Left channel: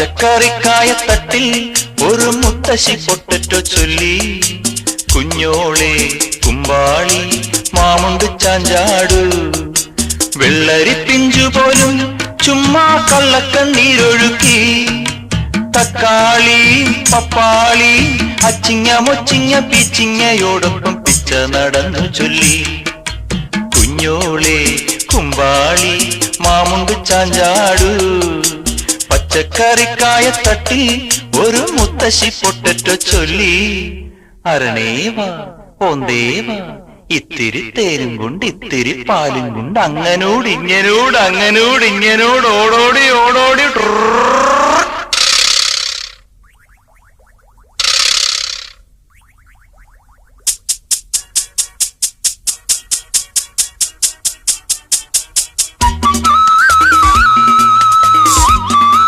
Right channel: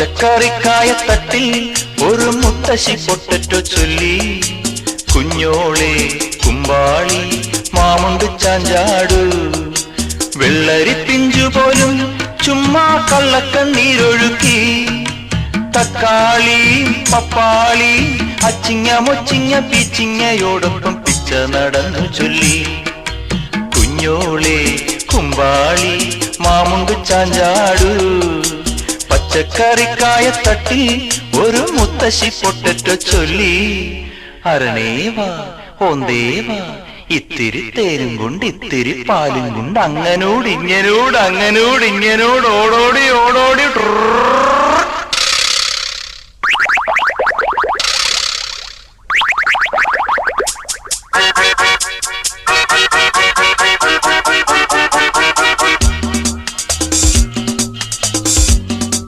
പച്ചക്കറിക്കായത്തട്ടിൽ ഒരു മുത്തശ്ശി പൊട്ടറ്റോ ചൊല്ലി. കുഞ്ഞോളെ കുമ്പാളി മാമുണ്ട് ചാഞ്ചാടു, വെള്ളരി പിഞ്ചു പോലും ചുമ്മാ കള്ളക്കണ്ണീരൊഴുക്കി. തക്കാളി പപ്പാളി അച്ചിങ്ങ മൊച്ചിങ്ങ പീച്ചിങ്ങയോടൊപ്പം പിച്ച നടന്നു ചൊല്ലി. കുഞ്ഞോളെ കുമ്പാളി മാമുണ്ട് ചാഞ്ചാടു, പച്ചക്കറിക്കായത്തട്ടിൽ ഒരു മുത്തശ്ശി പൊട്ടറ്റോ ചൊല്ലി. അരണേവാ ഓന്തേവാ ഇത്തിരി തേനും കൊണ്ട് ഇത്തിരി പാലും കൊണ്ട് അങ്ങനോട് ഇങ്ങനോട് അങ്ങനോട് ഇങ്ങനോട് ഓടോടി ഓടോടി